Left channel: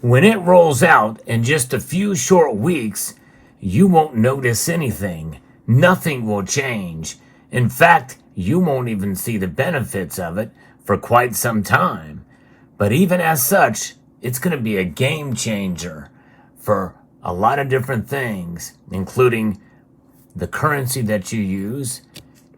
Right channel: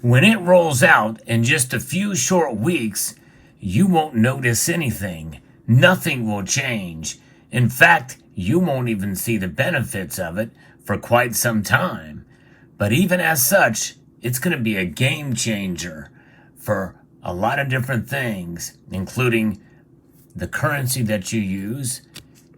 When it rolls out in just a few short weeks, you won't notice anything. Nothing will change. In fact, you won't even see the benefits of it for quite some time. But even as such, it's going to be a game changer for a lot of different things, including the currency that you use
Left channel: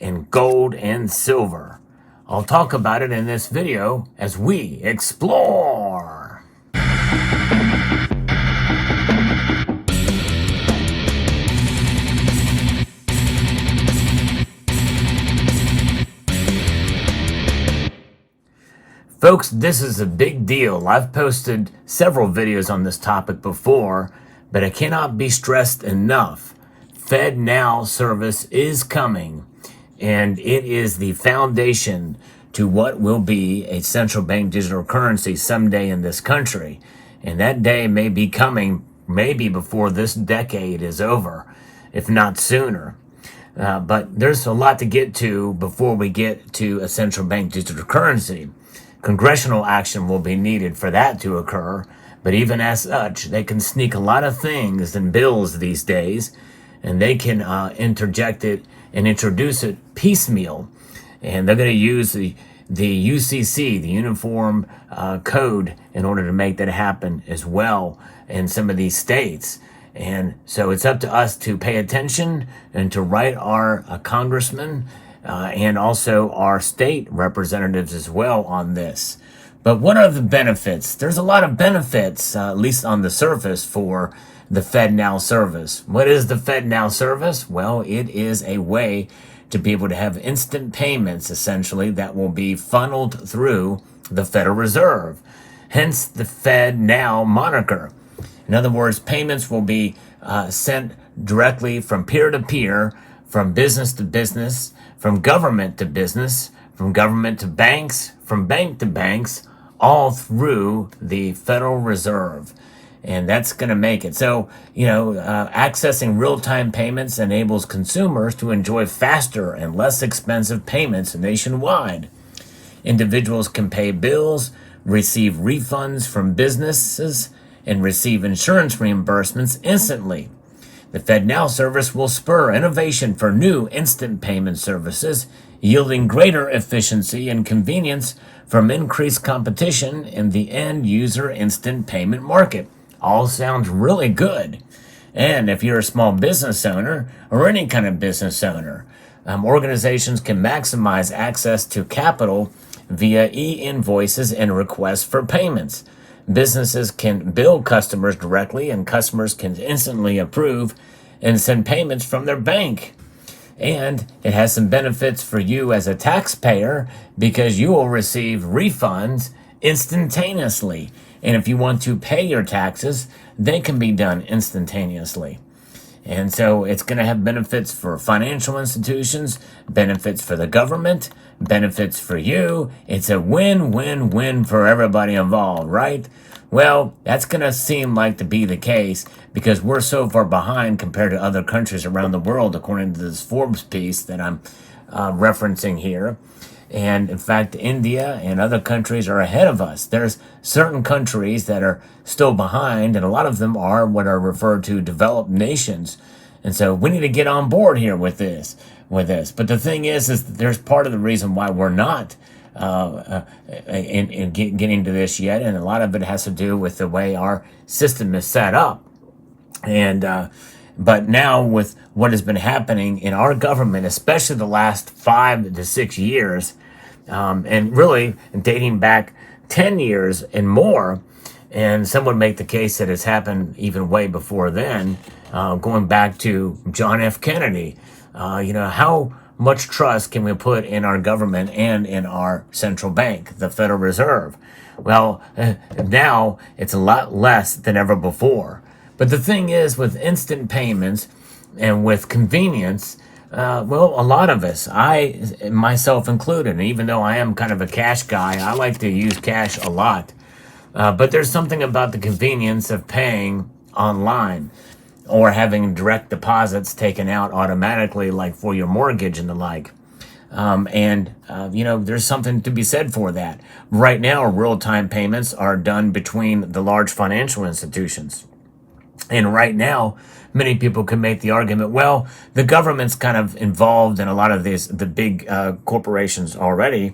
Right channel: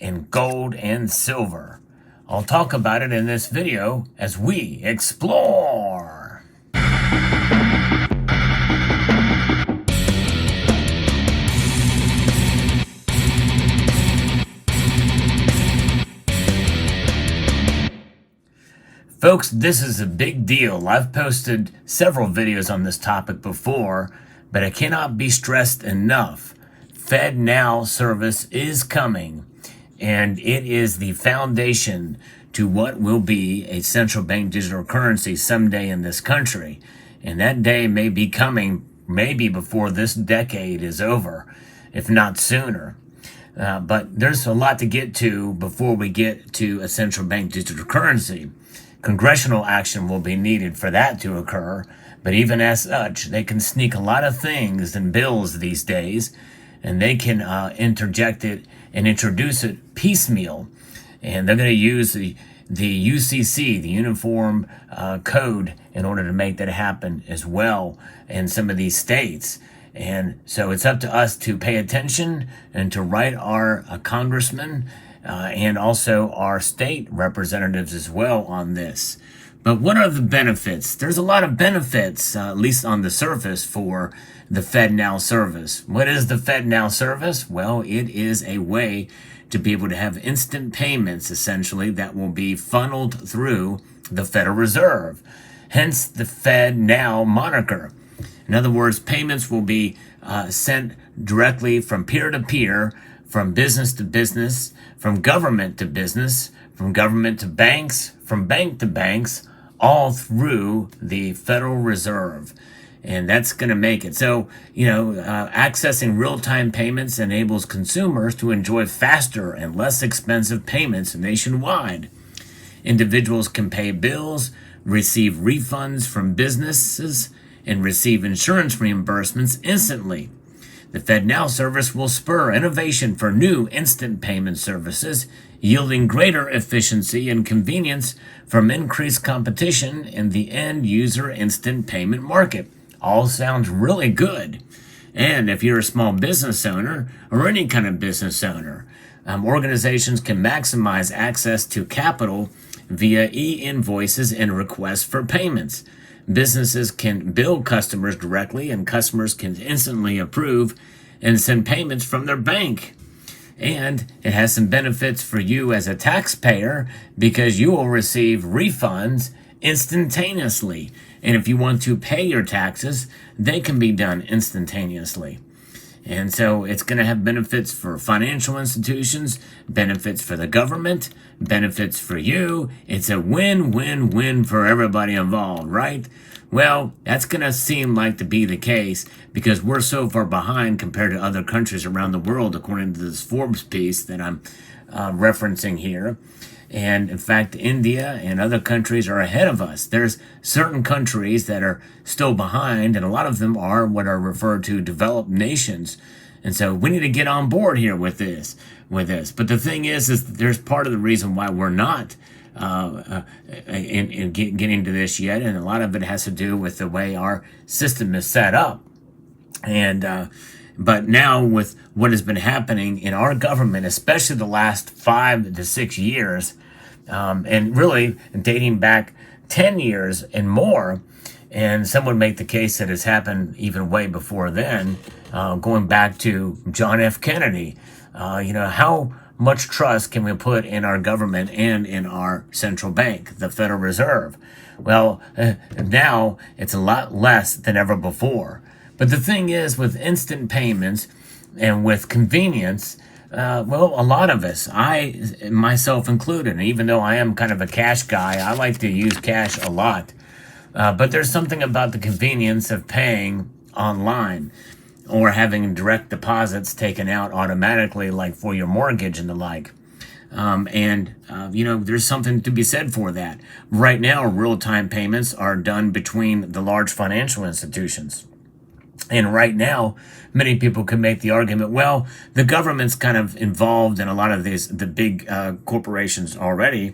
and gold and silver. I'll talk about it in this video as we explore. Folks, this is a big deal. I've posted several videos on this topic before, but I cannot be stressed enough. FedNow service is coming, and it is the foundation to what will be a central bank digital currency someday in this country. And that day may be coming maybe before this decade is over, if not sooner. But there's a lot to get to before we get to a central bank digital currency. Congressional action will be needed for that to occur, but even as such, they can sneak a lot of things in bills these days, and they can interject it and introduce it piecemeal. And they're going to use the UCC, the Uniform Code, in order to make that happen as well in some of these states. And so it's up to us to pay attention and to write our congressmen and also our state representatives as well on this. But what are the benefits? There's a lot of benefits, at least on the surface, for the FedNow service. What is the FedNow service? Well, it is a way to be able to have instant payments, essentially, that will be funneled through the Federal Reserve. Hence the FedNow moniker. In other words, payments will be sent directly from peer to peer, from business to business, from government to business, from government to banks, from bank to banks, all through the Federal Reserve. And that's going to make it. So, accessing real-time payments enables consumers to enjoy faster and less expensive payments nationwide. Individuals can pay bills, receive refunds from businesses, and receive insurance reimbursements instantly. The FedNow service will spur innovation for new instant payment services, yielding greater efficiency and convenience from increased competition in the end-user instant payment market. All sounds really good. And if you're a small business owner or any kind of business owner, organizations can maximize access to capital via e-invoices and requests for payments. Businesses can bill customers directly, and customers can instantly approve and send payments from their bank. And it has some benefits for you as a taxpayer because you will receive refunds instantaneously. And if you want to pay your taxes, they can be done instantaneously. And so it's going to have benefits for financial institutions, benefits for the government, benefits for you. It's a win-win-win for everybody involved, right? Well, that's going to seem like to be the case because we're so far behind compared to other countries around the world, according to this Forbes piece that I'm referencing here. And in fact, India and other countries are ahead of us. There's certain countries that are still behind, and a lot of them are what are referred to developed nations. And so we need to get on board here with this. But the thing is there's part of the reason why we're not getting to this yet, and a lot of it has to do with the way our system is set up. And but now with what has been happening in our government, especially the last 5 to 6 years, and really dating back 10 years and more, and some would make the case that it's happened even way before then, going back to John F. Kennedy. How much trust can we put in our government and in our central bank, the Federal Reserve? Well, now it's a lot less than ever before. But the thing is, with instant payments and with convenience, a lot of us, I myself included, and even though I am kind of a cash guy, I like to use cash a lot. But there's something about the convenience of paying online or having direct deposits taken out automatically, like for your mortgage and the like. There's something to be said for that. Right now, real-time payments are done between the large financial institutions. And right now, many people can make the argument, well, the government's kind of involved in a lot of the big corporations already,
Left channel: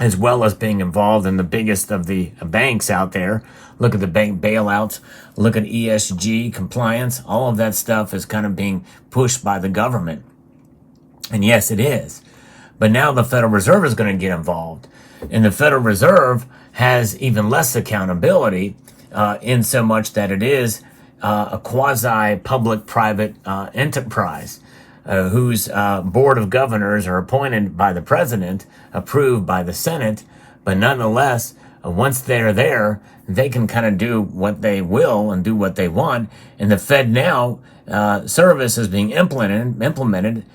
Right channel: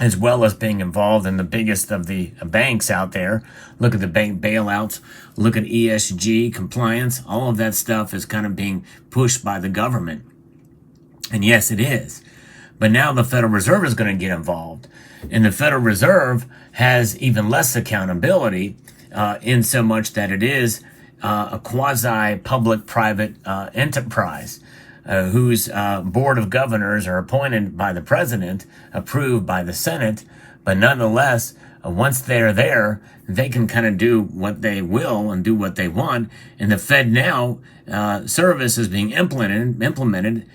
as well as being involved in the biggest of the banks out there. Look at the bank bailouts, look at ESG compliance. All of that stuff is kind of being pushed by the government. And yes, it is. But now the Federal Reserve is going to get involved. And the Federal Reserve has even less accountability in so much that it is a quasi-public-private enterprise whose board of governors are appointed by the president, approved by the Senate, but nonetheless, once they're there, they can kind of do what they will and do what they want. And the FedNow service is being implemented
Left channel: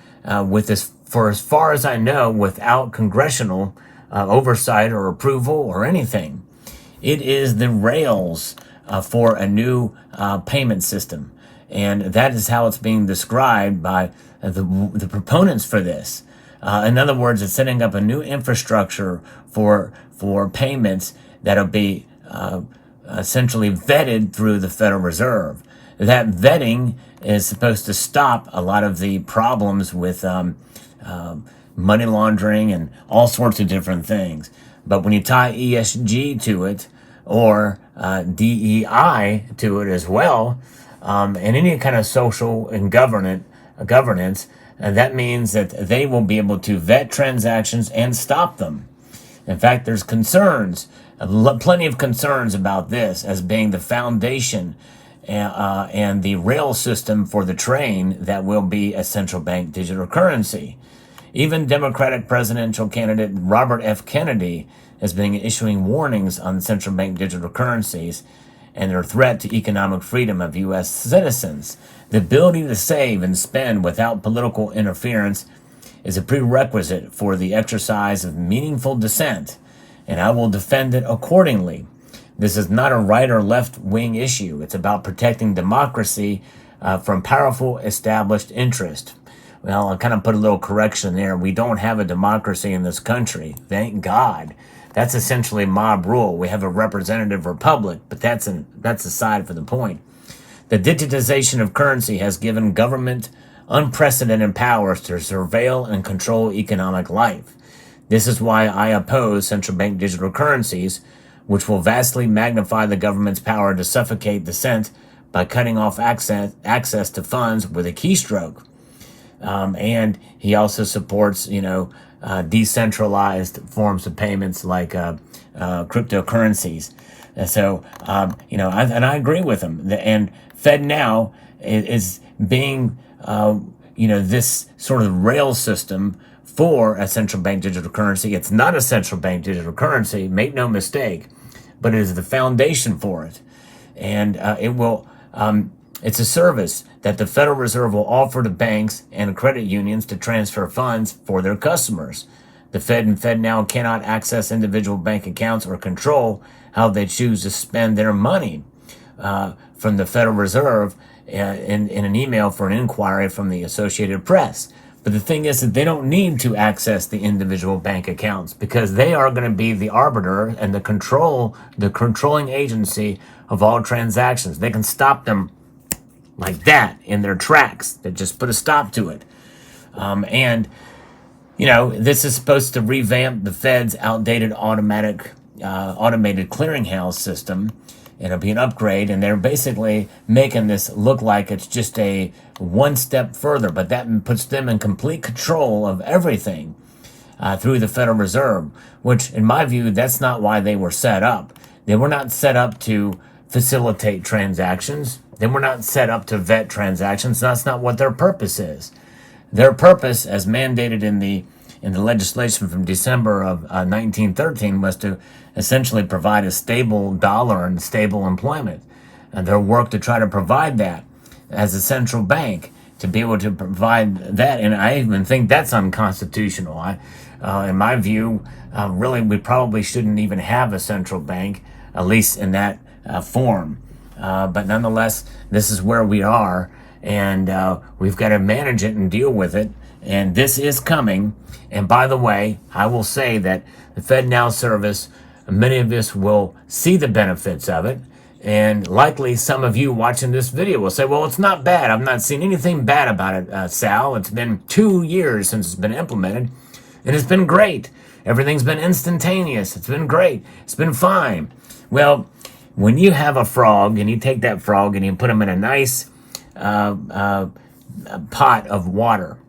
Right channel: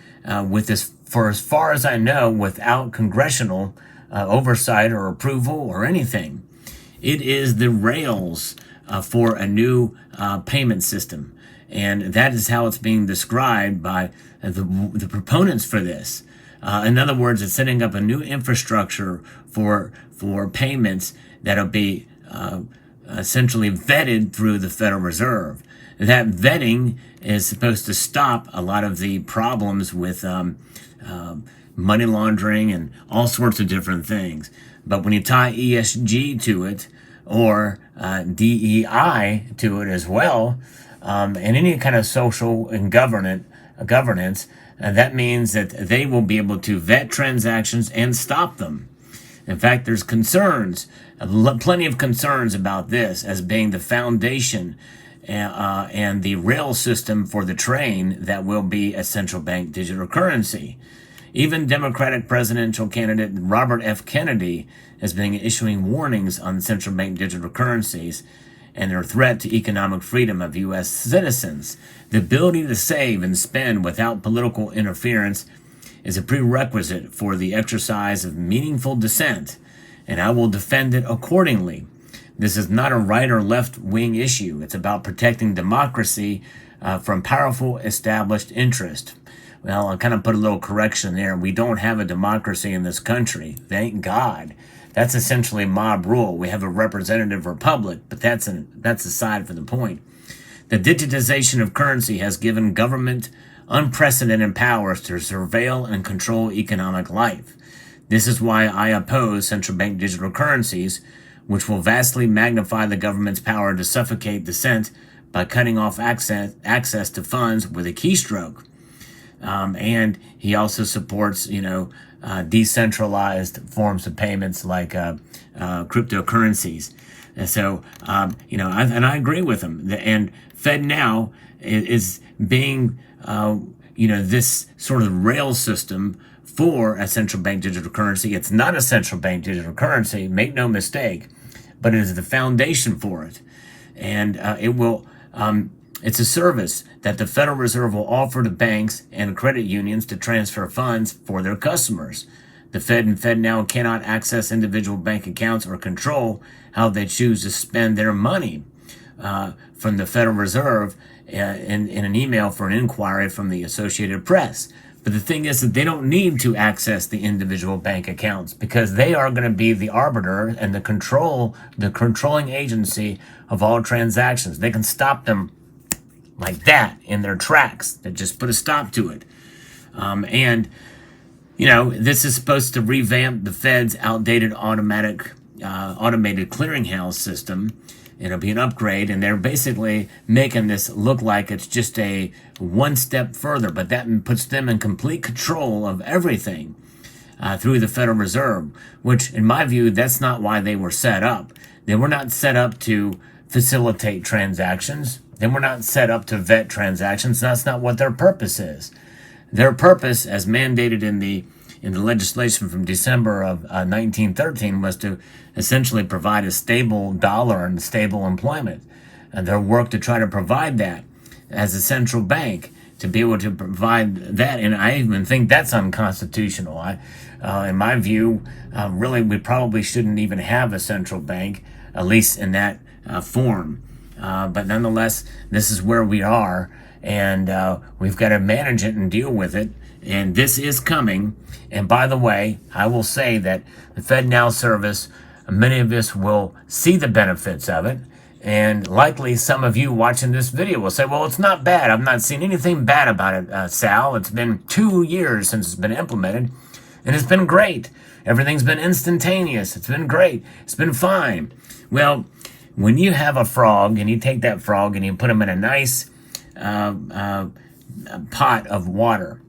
with this, for as far as I know, without congressional oversight or approval or anything. It is the rails for a new payment system. And that is how it's being described by the proponents for this. In other words, it's setting up a new infrastructure for payments that'll be essentially vetted through the Federal Reserve. That vetting is supposed to stop a lot of the problems with money laundering and all sorts of different things. But when you tie ESG to it, or DEI to it as well, and any kind of social and governance, that means that they will be able to vet transactions and stop them. In fact, there's concerns, plenty of concerns about this as being the foundation and the rail system for the train that will be a central bank digital currency. Even Democratic presidential candidate Robert F. Kennedy has been issuing warnings on central bank digital currencies and their threat to economic freedom of U.S. citizens. The ability to save and spend without political interference is a prerequisite for the exercise of meaningful dissent, and I will defend it accordingly. This is not a right or left wing issue. It's about protecting democracy from powerful established interest. Well, I'll kind of put a little correction there. We don't have a democracy in this country. Thank God. That's essentially mob rule. We have a representative republic, but that's aside from the point. The digitization of currency has given government unprecedented powers to surveil and control economic life. This is why I oppose central bank digital currencies, which will vastly magnify the government's power to suffocate dissent by cutting off access to funds with a keystroke. And he also supports, decentralized forms of payments like cryptocurrencies. And so, I agree with him. And FedNow is being, this sort of rail system for a central bank digital currency. It's not a central bank digital currency, make no mistake, but it is the foundation for it. And it will... It's a service that the Federal Reserve will offer to banks and credit unions to transfer funds for their customers. The Fed and FedNow cannot access individual bank accounts or control how they choose to spend their money. From the Federal Reserve in an email for an inquiry from the Associated Press. But the thing is that they don't need to access the individual bank accounts because they are going to be the arbiter and the controlling agency of all transactions. They can stop them like that in their tracks. They just put a stop to it. This is supposed to revamp the Fed's outdated automated clearinghouse system. It'll be an upgrade, and they're basically making this look like it's just a one step further, but that puts them in complete control of everything through the Federal Reserve, which, in my view, that's not why they were set up. They were not set up to facilitate transactions. They were not set up to vet transactions. That's not what their purpose is. Their purpose, as mandated in the legislation from December of 1913, was to essentially provide a stable dollar and stable employment. And their work to try to provide that as a central bank, to be able to provide that. And I even think that's unconstitutional. In my view, really, we probably shouldn't even have a central bank, at least in that form. But nonetheless, this is where we are, and we've got to manage it and deal with it. And this is coming. And by the way, I will say that the FedNow service, many of us will see the benefits of it. And likely some of you watching this video will say, well, it's not bad. I've not seen anything bad about it, Sal. It's been 2 years since it's been implemented, and it's been great. Everything's been instantaneous. It's been great. It's been fine. Well, when you have a frog and you take that frog and you put him in a nice pot of water,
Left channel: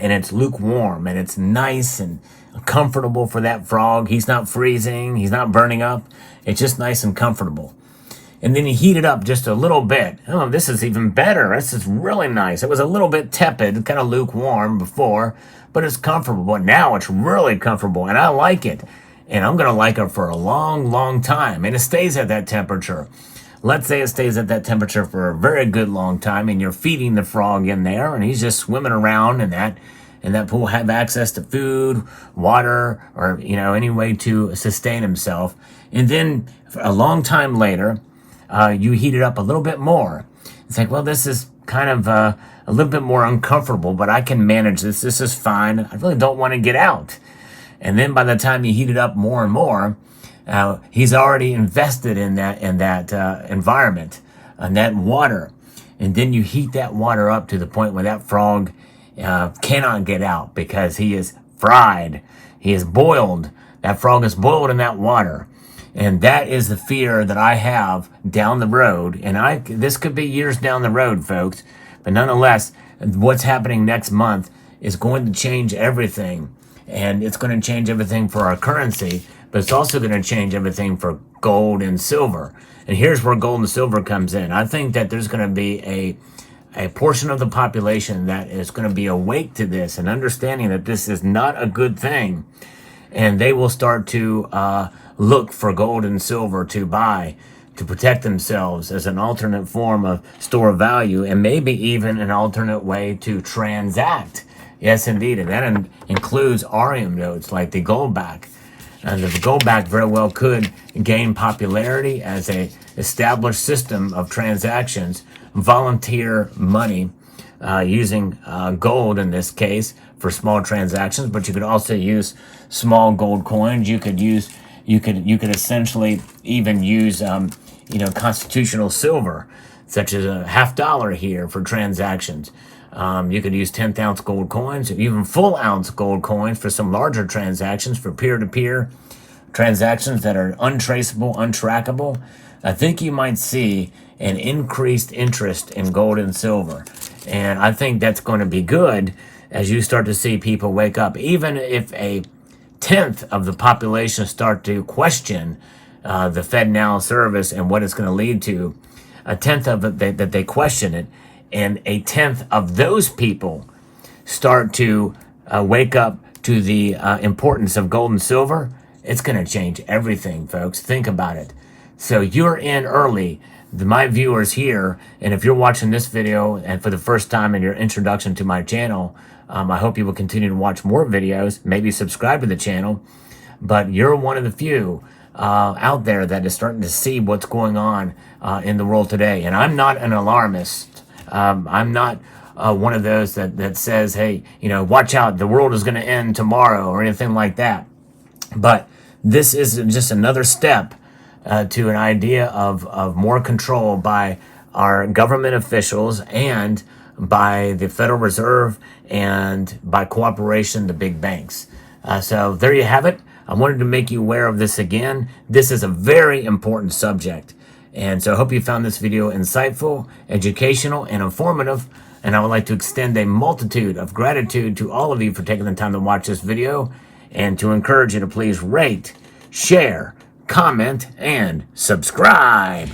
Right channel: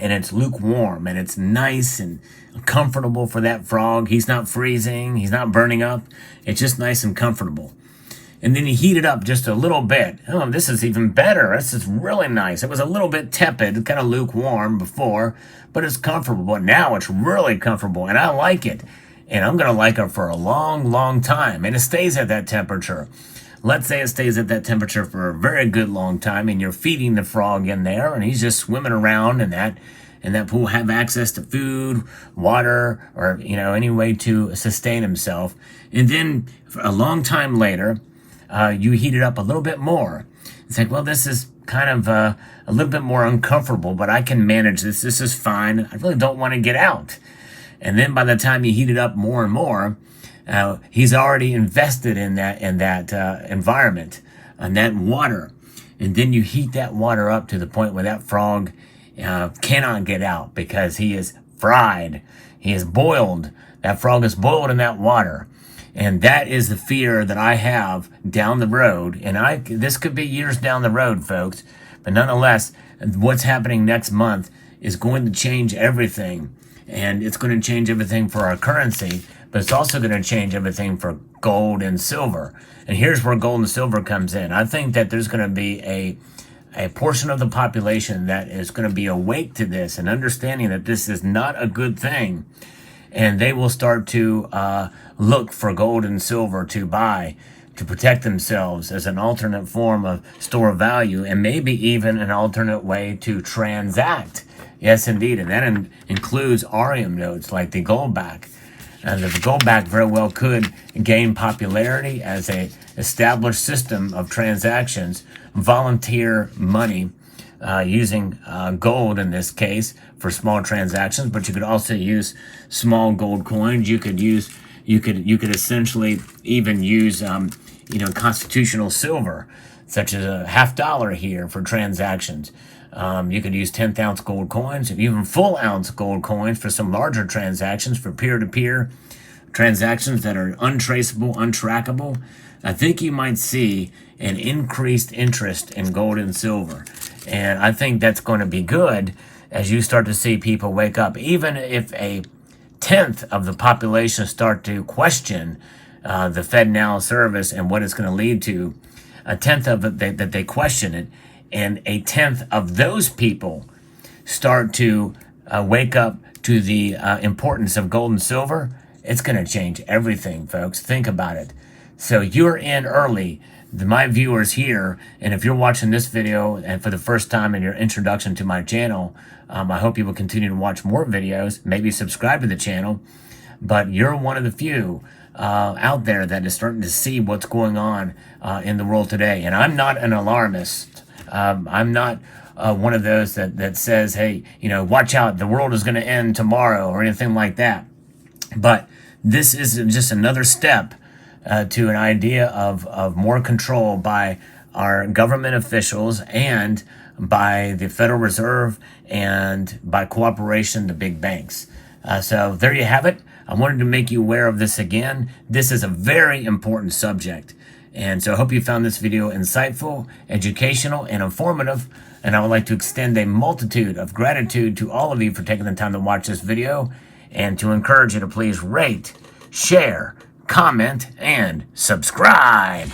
and it's lukewarm and it's nice and comfortable for that frog. He's not freezing. He's not burning up. It's just nice and comfortable. And then you heat it up just a little bit. Oh, this is even better. This is really nice. It was a little bit tepid, kind of lukewarm before, but it's comfortable. But now it's really comfortable, and I like it. And I'm going to like it for a long, long time. And it stays at that temperature. Let's say it stays at that temperature for a very good long time, and you're feeding the frog in there, and he's just swimming around in that pool, have access to food, water, or, any way to sustain himself. And then a long time later, you heat it up a little bit more. It's like, well, this is kind of a little bit more uncomfortable, but I can manage this. This is fine. I really don't want to get out. And then by the time you heat it up more and more, he's already invested in that environment and that water. And then you heat that water up to the point where that frog cannot get out because he is fried. He is boiled. That frog is boiled in that water. And that is the fear that I have down the road. And this could be years down the road, folks. But nonetheless, what's happening next month is going to change everything. And it's going to change everything for our currency. But it's also going to change everything for gold and silver. And here's where gold and silver comes in. I think that there's going to be a portion of the population that is going to be awake to this and understanding that this is not a good thing. And they will start to look for gold and silver to buy, to protect themselves as an alternate form of store of value, and maybe even an alternate way to transact. Yes, indeed. And that includes Arium notes like the goldback. And the goldback very well could gain popularity as a established system of transactions, volunteer money, using gold in this case for small transactions, but you could also use small gold coins. You could essentially even use constitutional silver, such as a $50 here for transactions. You could use 10th ounce gold coins, even full ounce gold coins for some larger transactions, for peer-to-peer transactions that are untraceable, untrackable. I think you might see an increased interest in gold and silver. And I think that's going to be good as you start to see people wake up. Even if a 10th of the population start to question the FedNow service and what it's going to lead to, a 10th of it that they question it, and a 10th of those people start to wake up to the importance of gold and silver, it's going to change everything, folks. Think about it. So you're in early. My viewers here, and if you're watching this video and for the first time in your introduction to my channel, I hope you will continue to watch more videos, maybe subscribe to the channel, but you're one of the few out there that is starting to see what's going on in the world today. And I'm not an alarmist. I'm not one of those that says, hey, watch out, the world is going to end tomorrow or anything like that. But this is just another step to an idea of more control by our government officials and by the Federal Reserve and by cooperation, the big banks. So there you have it. I wanted to make you aware of this again. This is a very important subject. And so I hope you found this video insightful, educational, and informative. And I would like to extend a multitude of gratitude to all of you for taking the time to watch this video, and to encourage you to please rate, share, comment, and subscribe.